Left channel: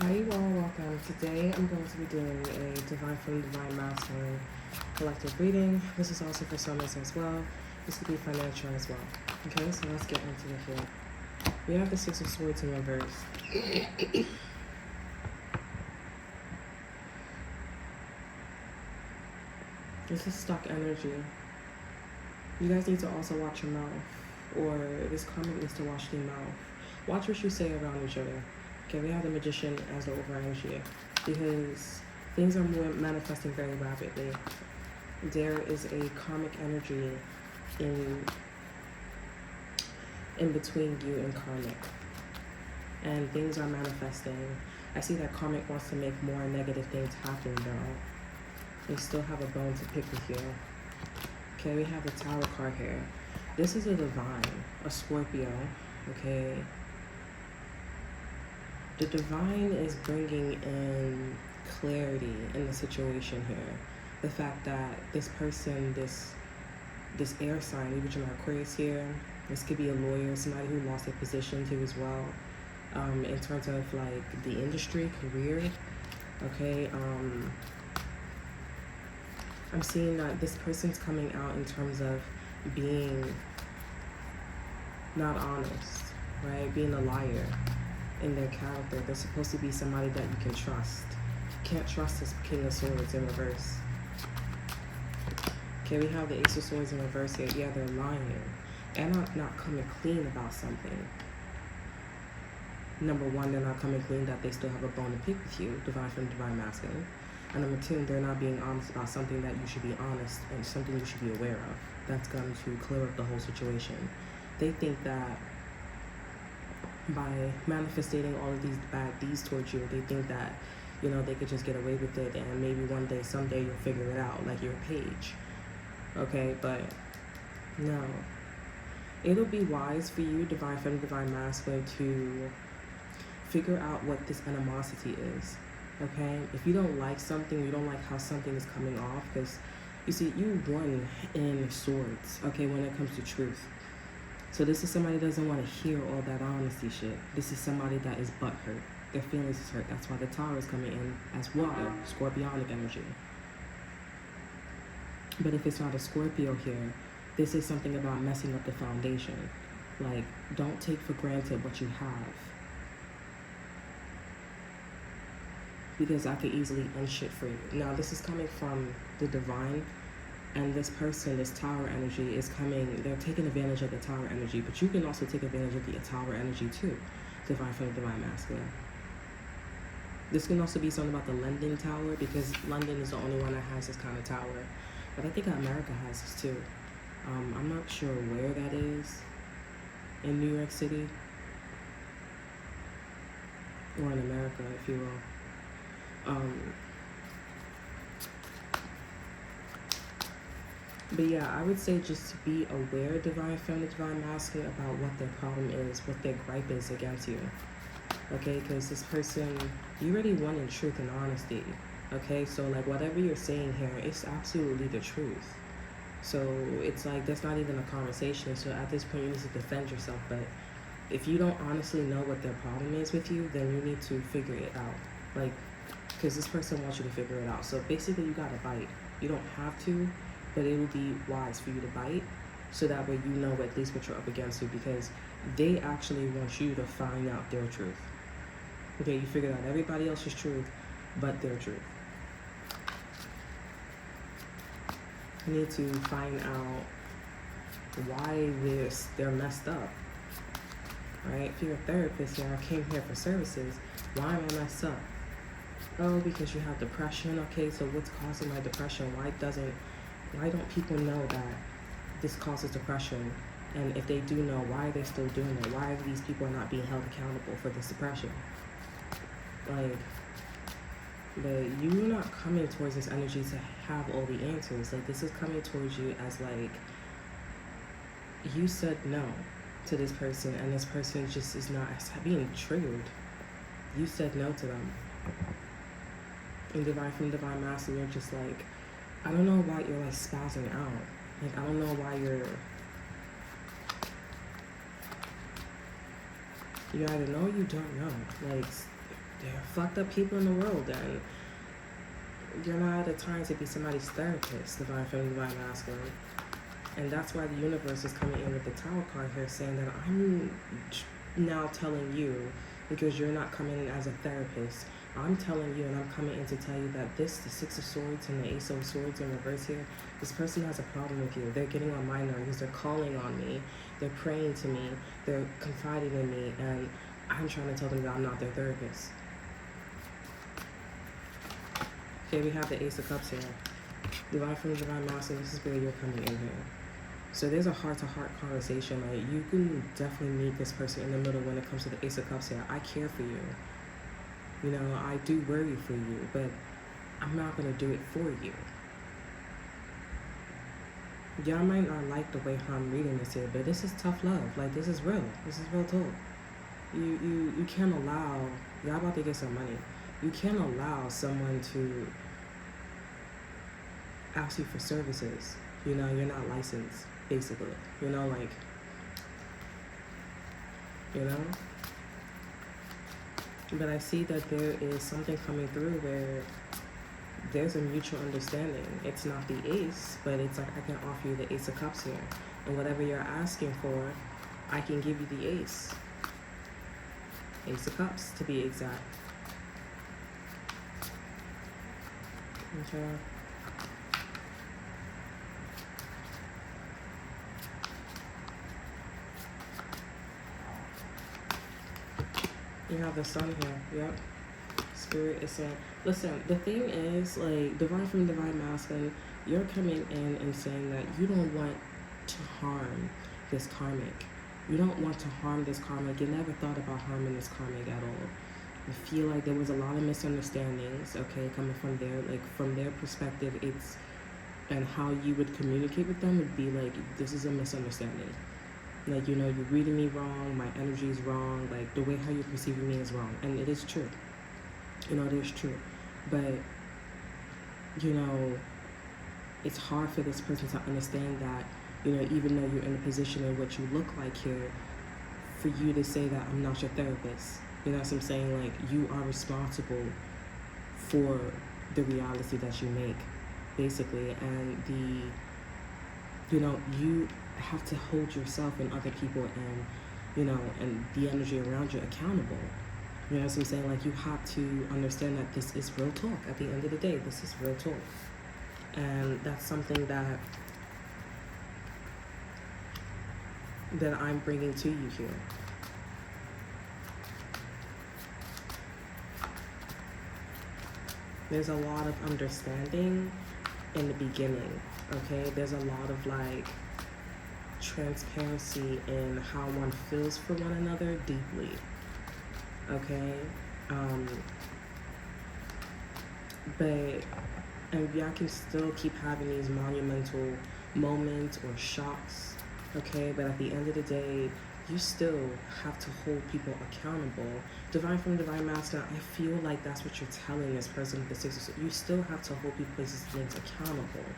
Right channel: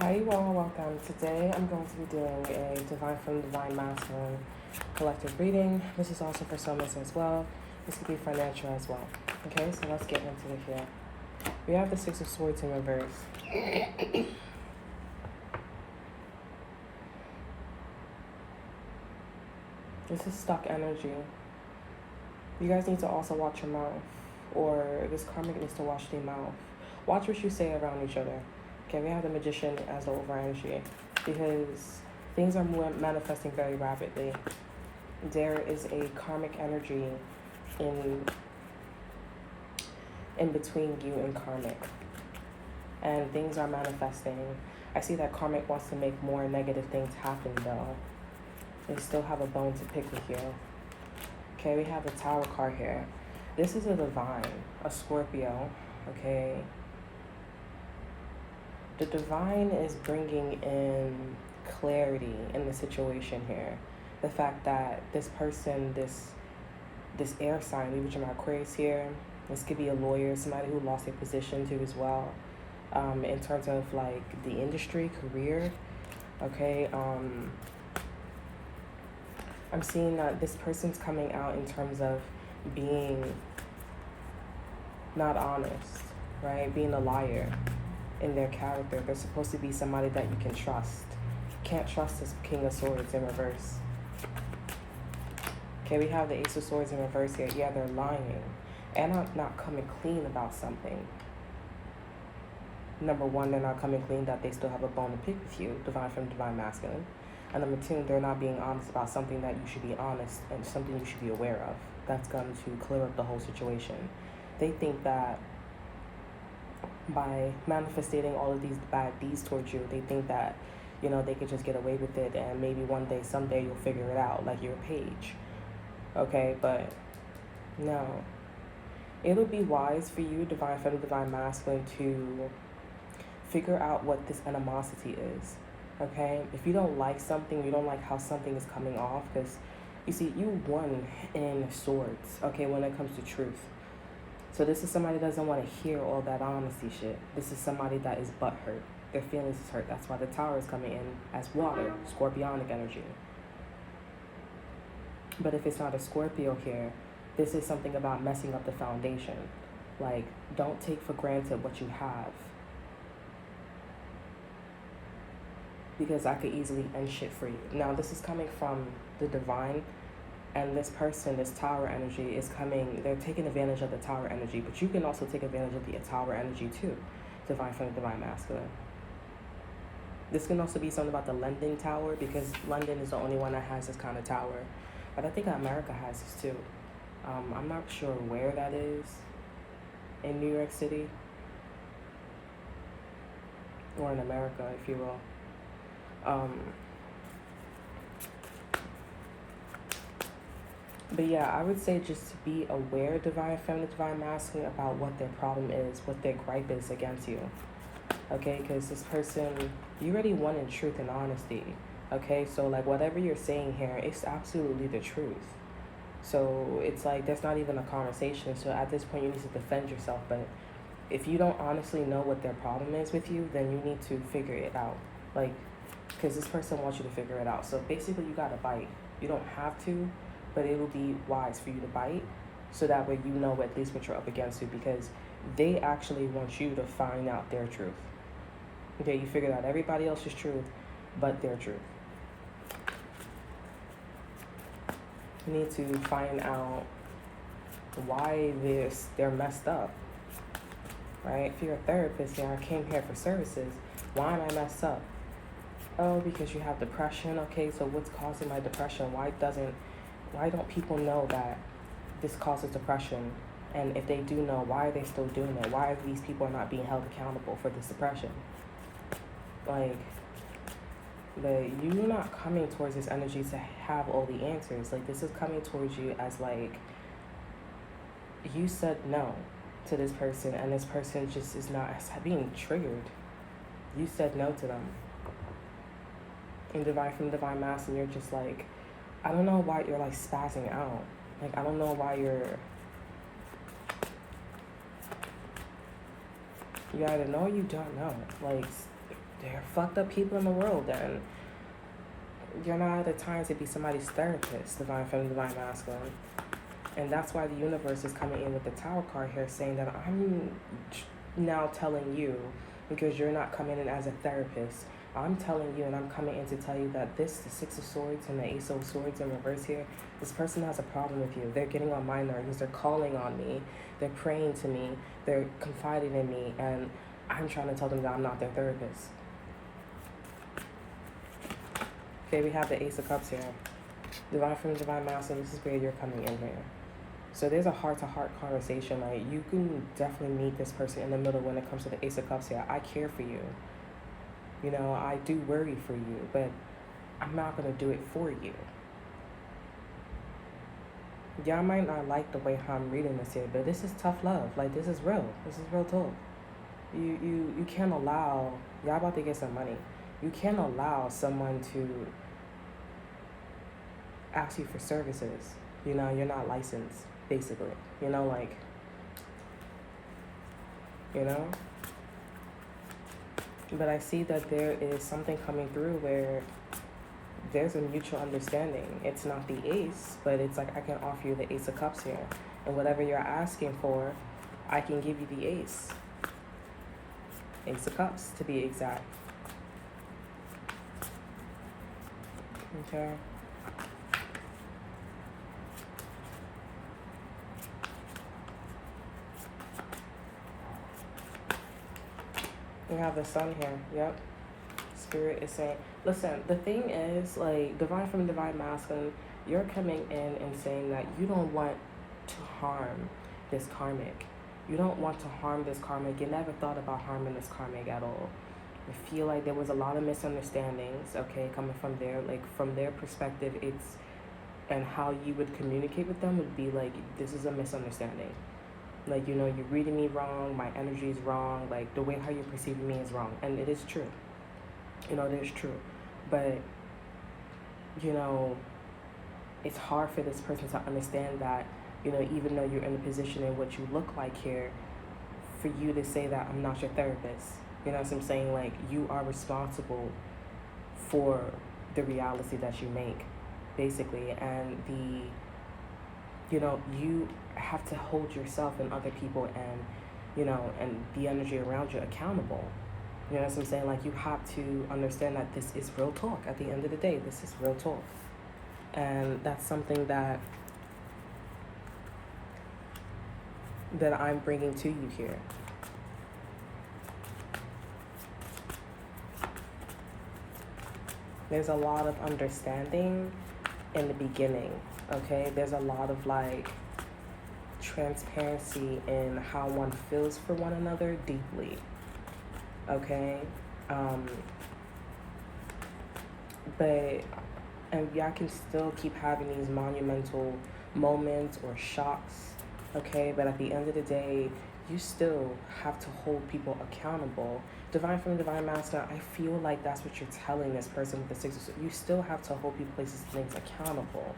Hi, you all, welcome. Today I'm going to be doing a Divine from Divine Masculine collective reading. This is also for soulmates as well. This could be financial as well. Okay, so let's get into it here. We have the Six of Swords in reverse. This is stuck energy. You guys need to also watch your mouth, or this karmic needs to watch their mouth. Watch what you say around each other. Okay, we have the Magician as the over energy because things are manifesting very rapidly. There is a karmic energy in between you and karmic, and things are manifesting. I see that karmic wants to make more negative things happen though. They still have a bone to pick with you. Okay, we have the Tower card here. This is a divine, a Scorpio, okay? The divine is bringing in clarity in the situation here. The fact that this person, this air sign, Libra, Gemini, Aquarius here, this could be a lawyer, somebody who lost their position too as well. In terms of like the industry, career, okay? I'm seeing that this person's coming out in terms of being not honest, right? Being a liar in their character. They're supposed to be somebody that you can trust. Can't trust this King of Swords in reverse. Okay, we have the Ace of Swords in reverse here. Yeah, they're lying and not coming clean about something. Number one, they're not coming clean that they still have a bone to pick with you, divine from divine masculine. And number two, they're not being honest about something that you should be honest and something you should be aware of. That's going to clear up the whole situation. They think that by manifesting all of these bad deeds towards you, they think that, you know, they could just get away with it and maybe one day, someday you'll figure it out, like your page. Okay, but no. It'll be wise for you, divine feminine, divine masculine, to figure out what this animosity is. Okay, if you don't like something, you don't like how something is coming off, because you see, you won in swords, okay, when it comes to truth. So this is somebody that doesn't want to hear all that honesty shit. This is somebody that is butthurt. Their feelings is hurt. That's why the Tower is coming in as water, scorpionic energy. But if it's not a Scorpio here, this is something about messing up the foundation. Like, don't take for granted what you have, because I could easily end shit for you. Now, this is coming from the divine, and this person, this Tower energy is coming, they're taking advantage of the Tower energy, but you can also take advantage of the Tower energy too, divine from the divine masculine. This can also be something about the London Tower, because London is the only one that has this kind of tower. But I think America has this too. I'm not sure where that is in New York City, or in America, if you will. But yeah, I would say just to be aware, divine feminine, divine masculine, about what their problem is, what their gripe is against you. Okay, because this person, you already won in truth and honesty. Okay, so like whatever you're saying here, it's absolutely the truth. So it's like there's not even a conversation. So at this point, you need to defend yourself. But if you don't honestly know what their problem is with you, then you need to figure it out. Like, because this person wants you to figure it out. So basically, you gotta bite. You don't have to, but it will be wise for you to bite, so that way you know at least what you're up against, because they actually want you to find out their truth. Okay, you figured out everybody else's truth, but their truth. You need to find out why they're messed up, right? If you're a therapist here, I came here for services. Why am I messed up? Oh, because you have depression. Okay, so what's causing my depression? Why don't people know that this causes depression? And if they do know, why are they still doing it? Why are these people not being held accountable for this depression? Like, you're not coming towards this energy to have all the answers. Like, this is coming towards you as like, you said no to this person, and this person just is not being triggered. You said no to them. In divine from divine masculine, you're just like, I don't know why you're like spazzing out. Like, I don't know why you either know or you don't know. Like, they're fucked up people in the world, and you're not the time to be somebody's therapist, divine feminine, divine masculine. And that's why the universe is coming in with the Tower card here, saying that I'm now telling you, because you're not coming in as a therapist, I'm telling you, and I'm coming in to tell you that the Six of Swords and the Ace of Swords in reverse here, this person has a problem with you. They're getting on my nerves. They're calling on me. They're praying to me. They're confiding in me. And I'm trying to tell them that I'm not their therapist. Okay, we have the Ace of Cups here. Divine from Divine Masculine, this is where you're coming in here. So there's a heart-to-heart conversation. Like, you can definitely meet this person in the middle when it comes to the Ace of Cups here. I care for you. You know, I do worry for you, but I'm not going to do it for you. Y'all might not like the way how I'm reading this here, but this is tough love. Like, this is real. This is real talk. You can't allow, y'all about to get some money. You can't allow someone to ask you for services. You know, you're not licensed, basically. You know, like, you know? But I see that there is something coming through where there's a mutual understanding. It's not the ace, but it's like I can offer you the Ace of Cups here. And whatever you're asking for, I can give you the ace. Ace of Cups, to be exact. Okay. We have the Sun here. Yep. Spirit is saying, listen, the thing is, like, divine from divine masculine, you're coming in and saying that you don't want to harm this karmic. You don't want to harm this karmic. You never thought about harming this karmic at all. I feel like there was a lot of misunderstandings, okay, coming from there. Like, from their perspective, it's, and how you would communicate with them would be like, this is a misunderstanding. Like, you know, you're reading me wrong, my energy is wrong, like, the way how you're perceiving me is wrong. And it is true. You know, it is true. But, you know, it's hard for this person to understand that, you know, even though you're in a position in what you look like here, for you to say that I'm not your therapist. You know what I'm saying? Like, you are responsible for the reality that you make, basically. And you know, you have to hold yourself and other people and, you know, and the energy around you accountable. You know what I'm saying? Like, you have to understand that this is real talk. At the end of the day, this is real talk. And that's something that I'm bringing to you here. There's a lot of understanding in the beginning, okay? There's a lot of, like, transparency in how one feels for one another deeply, okay? And y'all can still keep having these monumental moments or shocks, okay? But at the end of the day, you still have to hold people accountable. Divine from divine masculine, I feel like that's what you're telling this person with the Six of Swords. You still have to hold people, places, things accountable.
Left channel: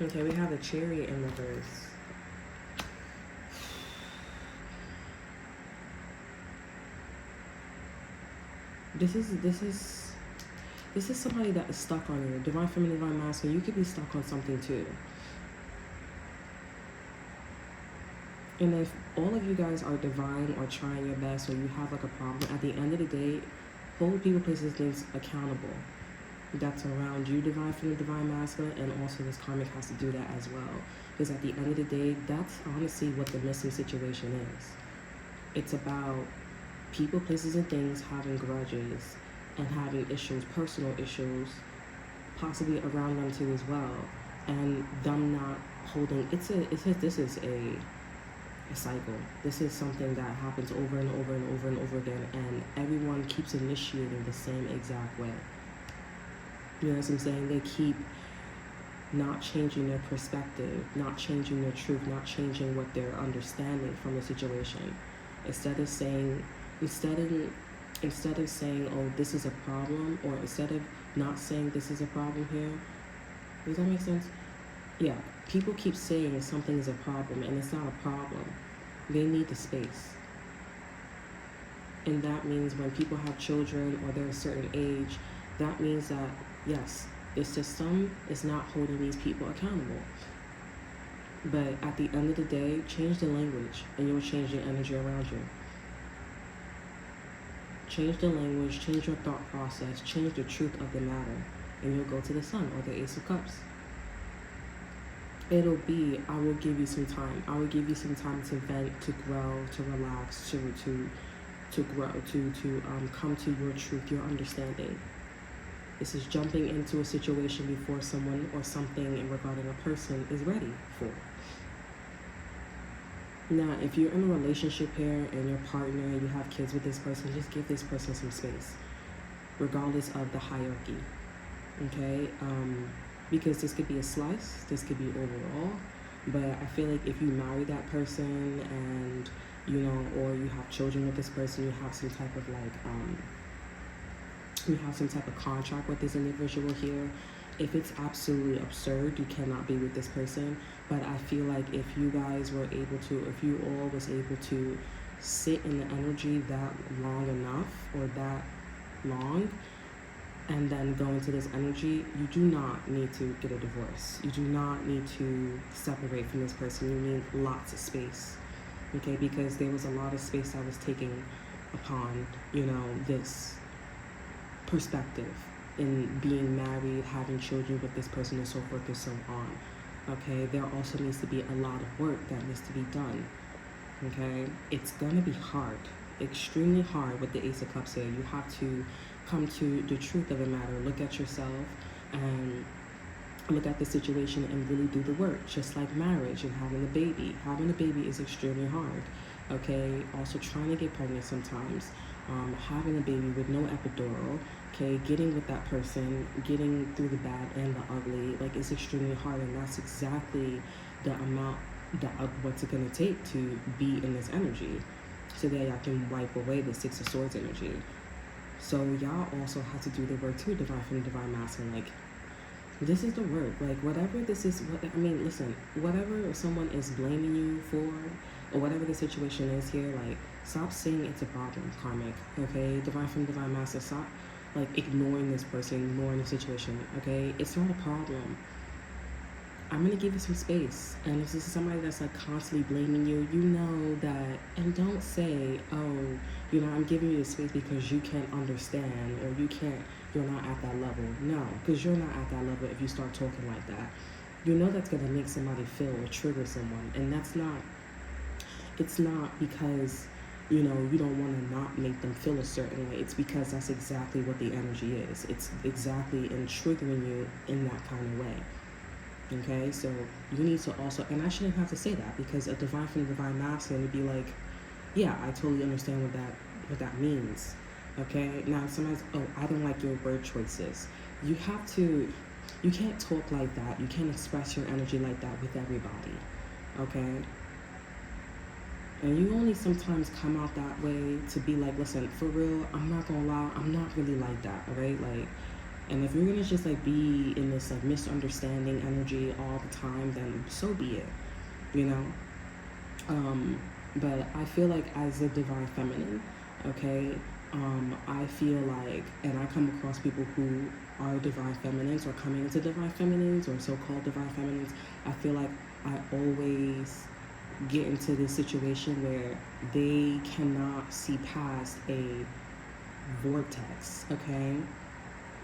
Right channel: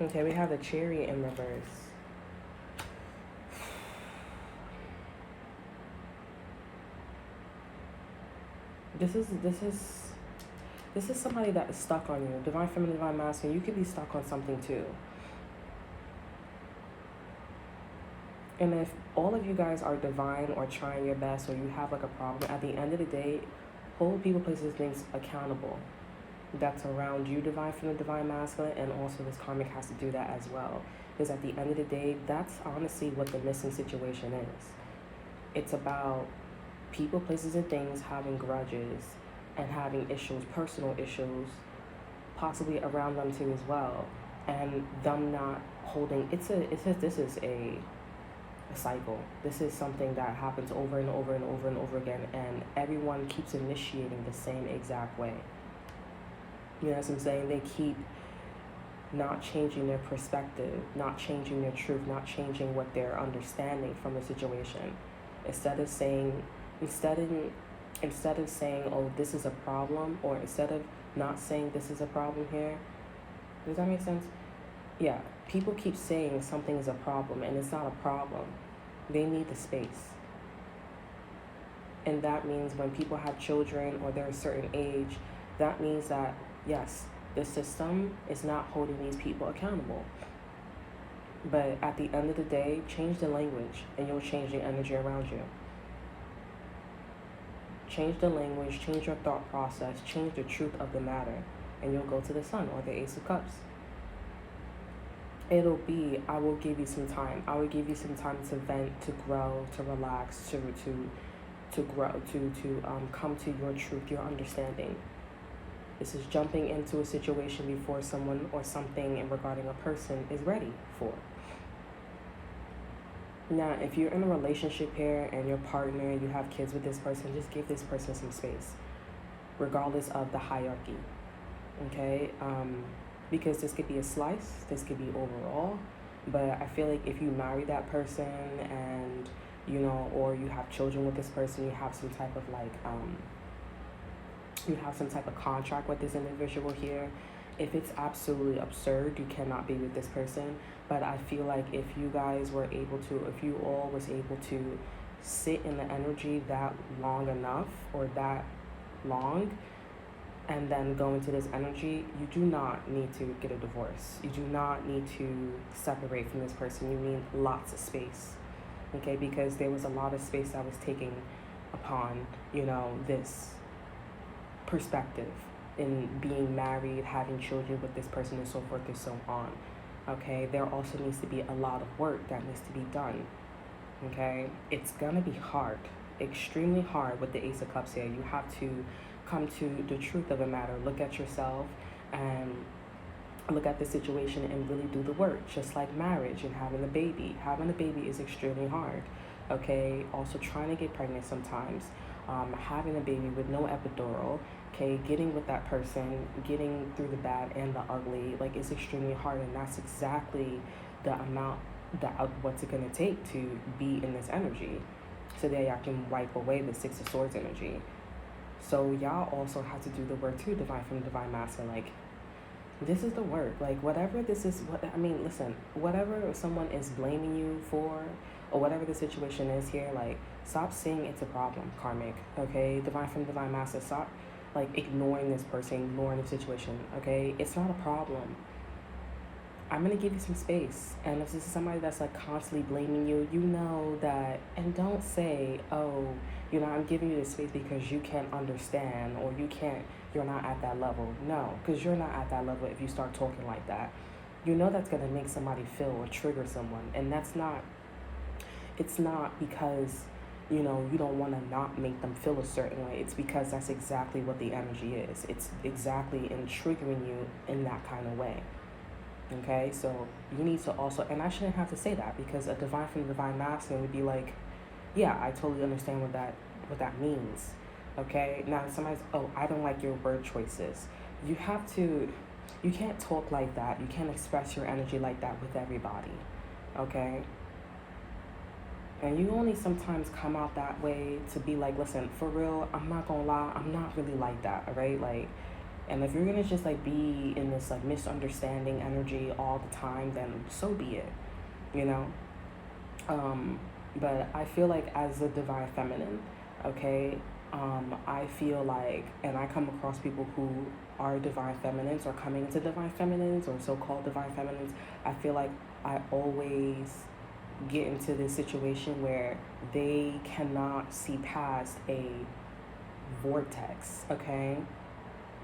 Okay, we have the Chariot in reverse. This is somebody that is stuck on you. Divine feminine, divine masculine, you could be stuck on something too. And if all of you guys are divine or trying your best, or you have like a problem, at the end of the day, hold people, places, things accountable. That's around you, divine feminine, divine masculine, and also this karmic has to do that as well. Because at the end of the day, that's honestly what the missing situation is. It's about people, places, and things having grudges and having issues, personal issues, possibly around them too as well, and them not holding. This is a cycle. This is something that happens over and over and over and over again, and everyone keeps initiating the same exact way. You know what I'm saying? They keep not changing their perspective, not changing their truth, not changing what they're understanding from the situation. Instead of saying, oh, this is a problem, or instead of not saying this is a problem here. Does that make sense? Yeah, people keep saying something is a problem, and it's not a problem. They need the space. And that means when people have children or they're a certain age, that means that, yes, the system is not holding these people accountable. But at the end of the day, change the language and you'll change the energy around you. Change the language, change your thought process, change the truth of the matter, and you'll go to the Sun or the Ace of Cups. It'll be, I will give you some time. I will give you some time to vent, to grow, to relax, to grow, to come to your truth, your understanding. This is jumping into a situation before someone or something regarding a person is ready for it. Now, if you're in a relationship here and your partner, you have kids with this person, just give this person some space, regardless of the hierarchy, okay? Because this could be a slice, this could be overall, but I feel like if you marry that person and, you know, or you have children with this person, you have some type of like, you have some type of contract with this individual here. If it's absolutely absurd, you cannot be with this person. But I feel like if you guys were able to, if you all was able to sit in the energy that long enough or that long and then go into this energy, you do not need to get a divorce. You do not need to separate from this person. You need lots of space, okay? Because there was a lot of space that was taken upon, you know, this perspective in being married, having children with this person, and so forth and so on, okay? There also needs to be a lot of work that needs to be done, okay? It's gonna be hard, extremely hard with the Ace of Cups here. You have to come to the truth of the matter, look at yourself and look at the situation and really do the work, just like marriage and having a baby. Having a baby is extremely hard, okay? Also trying to get pregnant sometimes, having a baby with no epidural, okay, getting with that person, getting through the bad and the ugly, like it's extremely hard, and that's exactly the amount that what's it gonna take to be in this energy, so that y'all can wipe away the Six of Swords energy. So y'all also have to do the work too, Divine from Divine Masculine. Like, this is the work. Like, whatever this is, listen, whatever someone is blaming you for, or whatever the situation is here, like, stop saying it's a problem, karmic, okay? Divine from Divine Masculine, stop, like, ignoring this person, ignoring the situation, okay? It's not a problem. I'm going to give you some space. And if this is somebody that's, like, constantly blaming you, you know that, and don't say, oh, you know, I'm giving you this space because you can't understand, or you're not at that level. No, because you're not at that level if you start talking like that. You know that's going to make somebody feel or trigger someone. And it's not because, you know, you don't want to not make them feel a certain way. It's because that's exactly what the energy is. It's exactly in triggering you in that kind of way. Okay, so you need to also, and I shouldn't have to say that, because a Divine from Divine Masculine would be like, yeah, I totally understand what that means. Okay, now somebody's, oh, I don't like your word choices. You can't talk like that. You can't express your energy like that with everybody. Okay, and you only sometimes come out that way to be like, listen, for real, I'm not gonna lie, I'm not really like that, all right? Like, and if you're gonna just like be in this like misunderstanding energy all the time, then so be it, you know? But I feel like as a Divine Feminine, okay, I feel like, and I come across people who are Divine Feminines or coming into Divine Feminines or so-called Divine Feminines, I feel like I always get into this situation where they cannot see past a vortex, okay?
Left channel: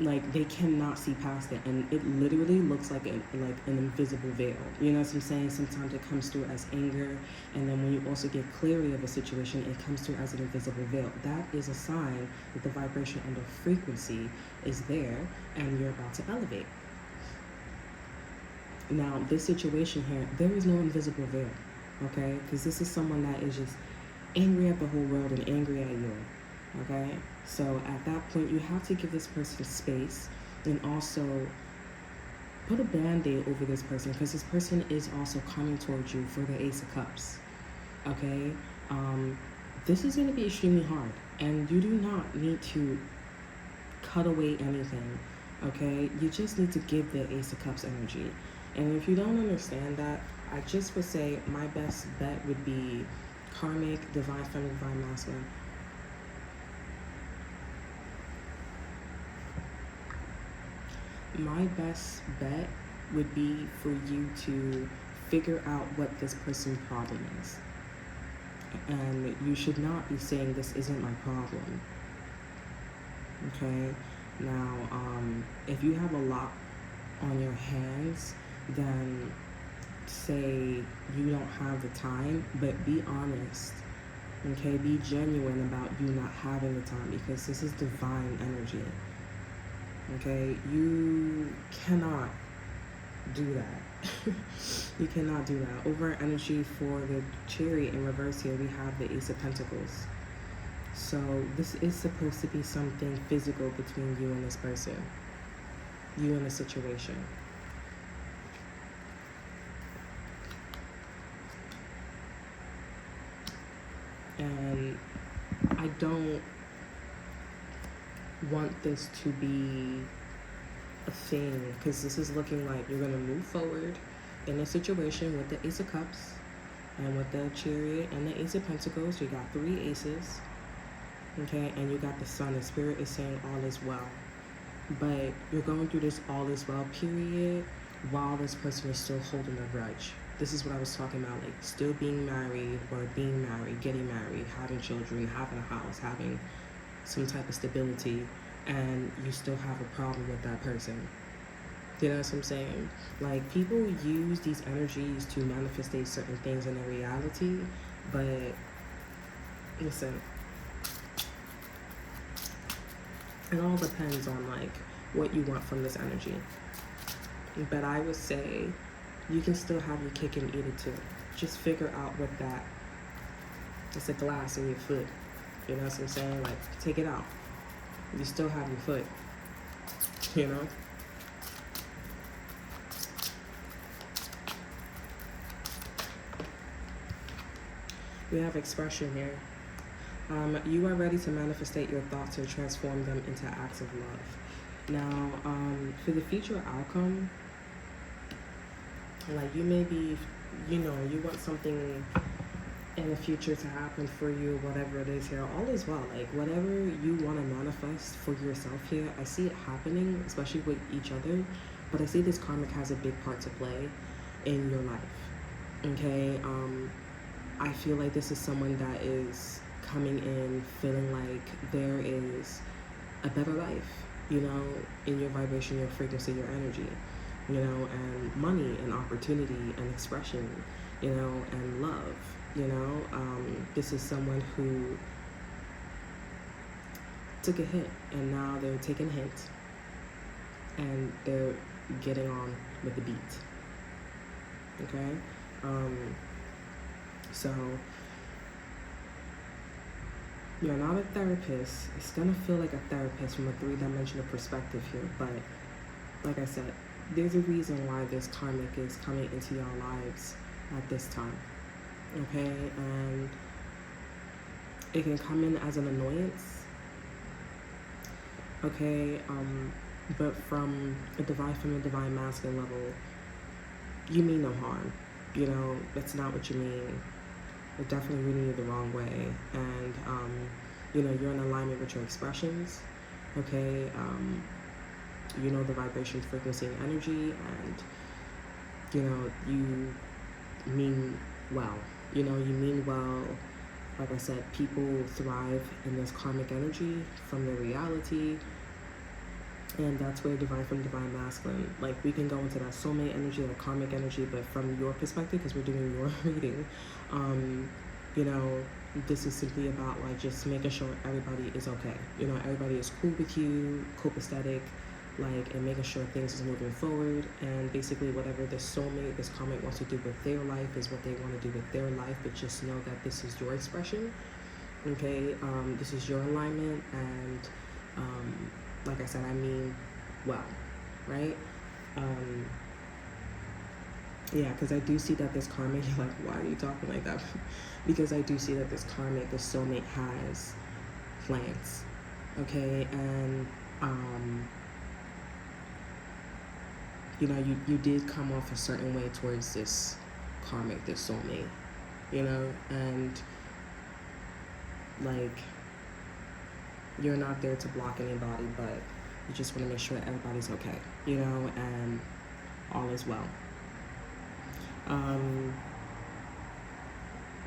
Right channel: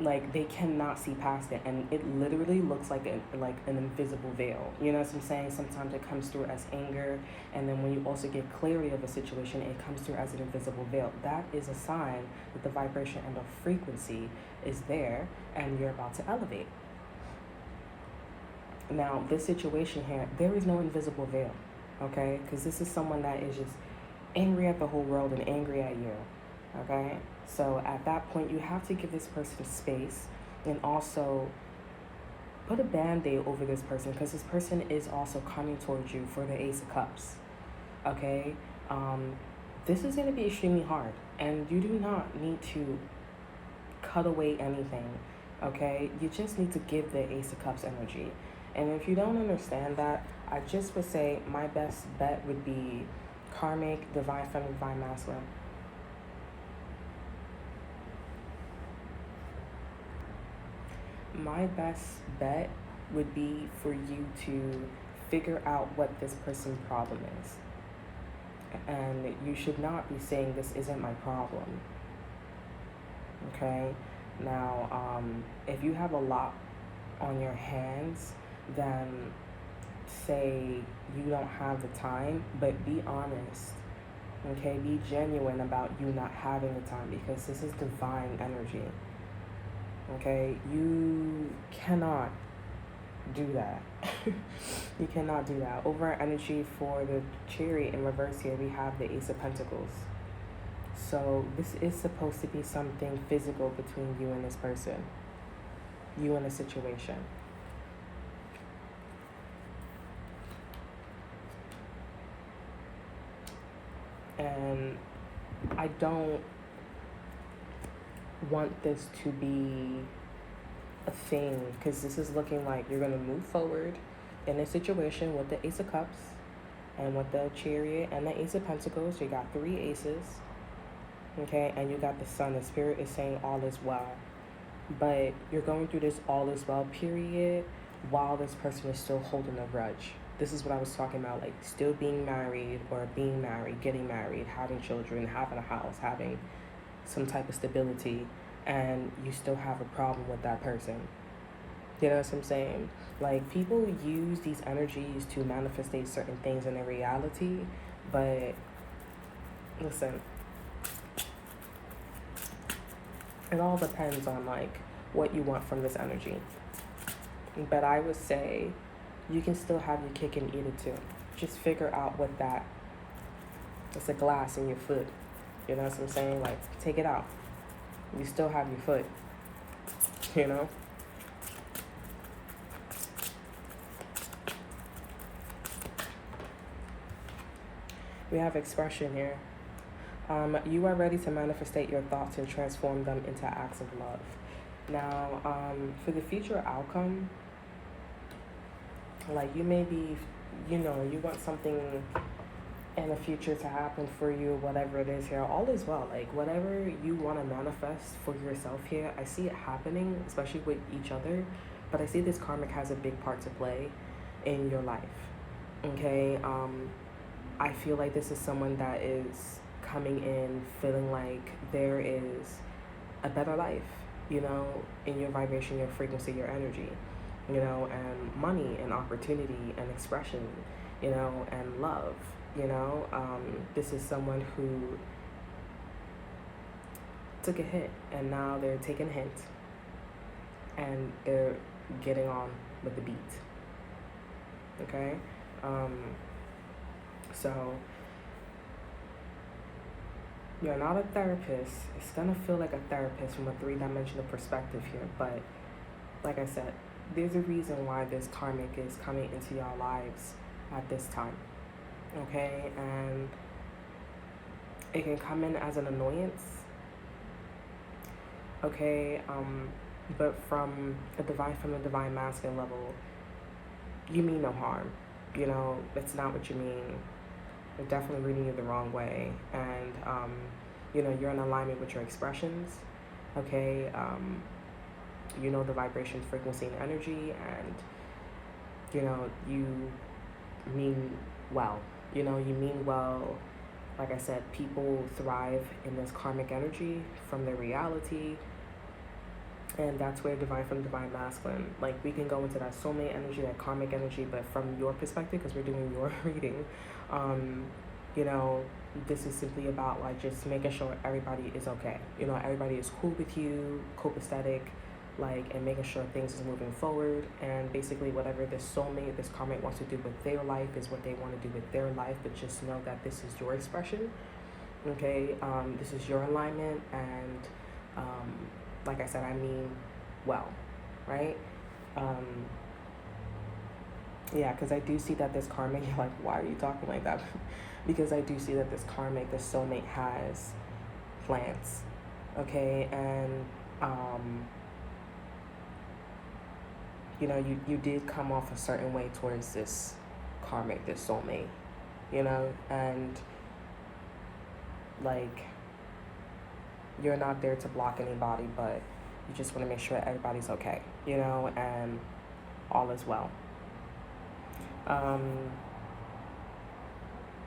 Like, they cannot see past it, and it literally looks like an invisible veil. You know what I'm saying? Sometimes it comes through as anger, and then when you also get clarity of a situation, it comes through as an invisible veil. That is a sign that the vibration and the frequency is there, and you're about to elevate. Now, this situation here, there is no invisible veil, okay? Because this is someone that is just angry at the whole world and angry at you, okay? So at that point, you have to give this person space, and also put a band-aid over this person, because this person is also coming towards you for the Ace of Cups, okay? This is going to be extremely hard, and you do not need to cut away anything, okay? You just need to give the Ace of Cups energy. And if you don't understand that, I just would say my best bet would be karmic, divine feminine, divine masculine. My best bet would be for you to figure out what this person's problem is. And you should not be saying this isn't my problem. Okay? Now, if you have a lot on your hands, then say you don't have the time, but be honest. Okay? Be genuine about you not having the time, because this is divine energy. Okay? You cannot do that. You cannot do that. Over energy for the Chariot in reverse here, we have the Ace of Pentacles. So this is supposed to be something physical between you and this person, you and the situation. And I don't want this to be a thing, because this is looking like you're going to move forward in a situation with the Ace of Cups and with the Chariot and the Ace of Pentacles. You got 3 aces, okay, and you got the Sun. The Spirit is saying all is well, but you're going through this all is well period while this person is still holding a grudge. This is what I was talking about, like still being married or being married, getting married, having children, having a house, having some type of stability, and you still have a problem with that person. You know what I'm saying? Like, people use these energies to manifest certain things in their reality, but listen, it all depends on like what you want from this energy. But I would say you can still have your cake and eat it too. Just figure out what that, it's a glass in your foot. You know what I'm saying? Like, take it out. You still have your foot, you know? We have expression here. You are ready to manifestate your thoughts and transform them into acts of love. Now, for the future outcome, like you may be, you know, you want something in the future to happen for you, whatever it is here, all is well. Like, whatever you want to manifest for yourself here, I see it happening, especially with each other, but I see this karmic has a big part to play in your life, okay? I feel like this is someone that is coming in feeling like there is a better life, you know, in your vibration, your frequency, your energy, you know, and money and opportunity and expression, you know, and love, you know. This is someone who took a hit and now they're taking a hint and they're getting on with the beat, okay? So you're not a therapist. It's gonna feel like a therapist from a 3-dimensional perspective here, but like I said, there's a reason why this karmic is coming into your lives at this time, okay? And it can come in as an annoyance, okay? But from a divine feminine, divine masculine level, you mean no harm, you know? That's not what you mean. They're definitely reading you the wrong way, and you know, you're in alignment with your expressions, okay? You know the vibration, frequency, and energy, and you know, you mean well, you know, you mean well. Like I said, people thrive in this karmic energy from their reality, and that's where divine from divine masculine, like, we can go into that soulmate energy, that karmic energy, but from your perspective, because we're doing your reading, you know, this is simply about like just making sure everybody is okay, you know, everybody is cool with you, copacetic, like, and making sure things is moving forward. And basically whatever this soulmate, this karmic wants to do with their life is what they want to do with their life, but just know that this is your expression, okay? This is your alignment, and like I said, I mean well, right? Yeah, because I do see that this karmic, you're like, why are you talking like that? Because I do see that this karmic, this soulmate, has plans, okay? And you know, you did come off a certain way towards this karmic, this soulmate, you know, and like, you're not there to block anybody, but you just want to make sure that everybody's okay, you know, and all is well.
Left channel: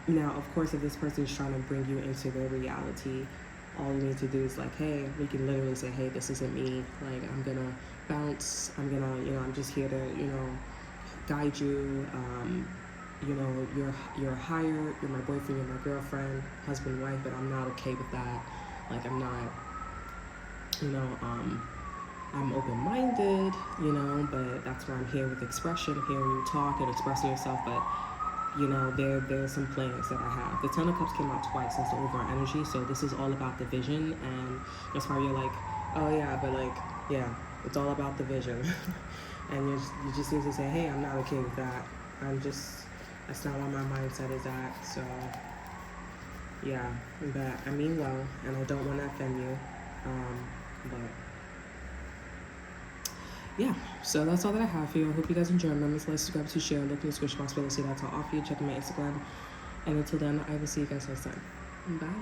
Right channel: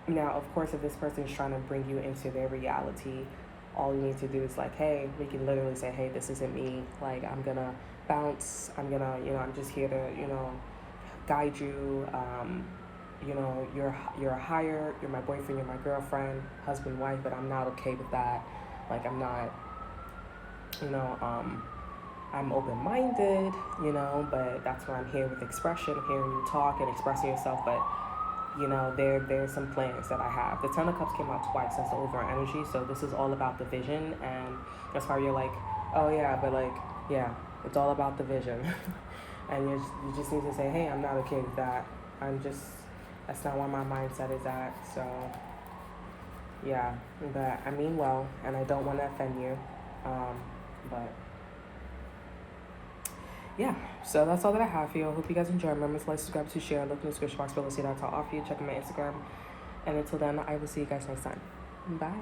Now, of course, if this person is trying to bring you into their reality, all you need to do is like, hey, we can literally say, hey, this isn't me. Like, I'm going to bounce. I'm going to, I'm just here to, guide you. You're higher. You're my boyfriend. You're my girlfriend, husband, wife, but I'm not okay with that. Like, I'm not, I'm open-minded, but that's why I'm here with expression, hearing you talk and expressing yourself. But, there's some plans that I have. The Ten of Cups came out twice. That's the overall energy. So this is all about the vision. And that's why you're like, oh, yeah, but like, yeah, it's all about the vision. And you just need to say, hey, I'm not okay with that. That's not where my mindset is at. So, yeah, but I mean well, and I don't want to offend you. But yeah, so that's all that I have for you. I hope you guys enjoy. Remember to like, subscribe, to share, look in the description box below to see that I'll offer you. Check my Instagram. And until then, I will see you guys next time. Bye.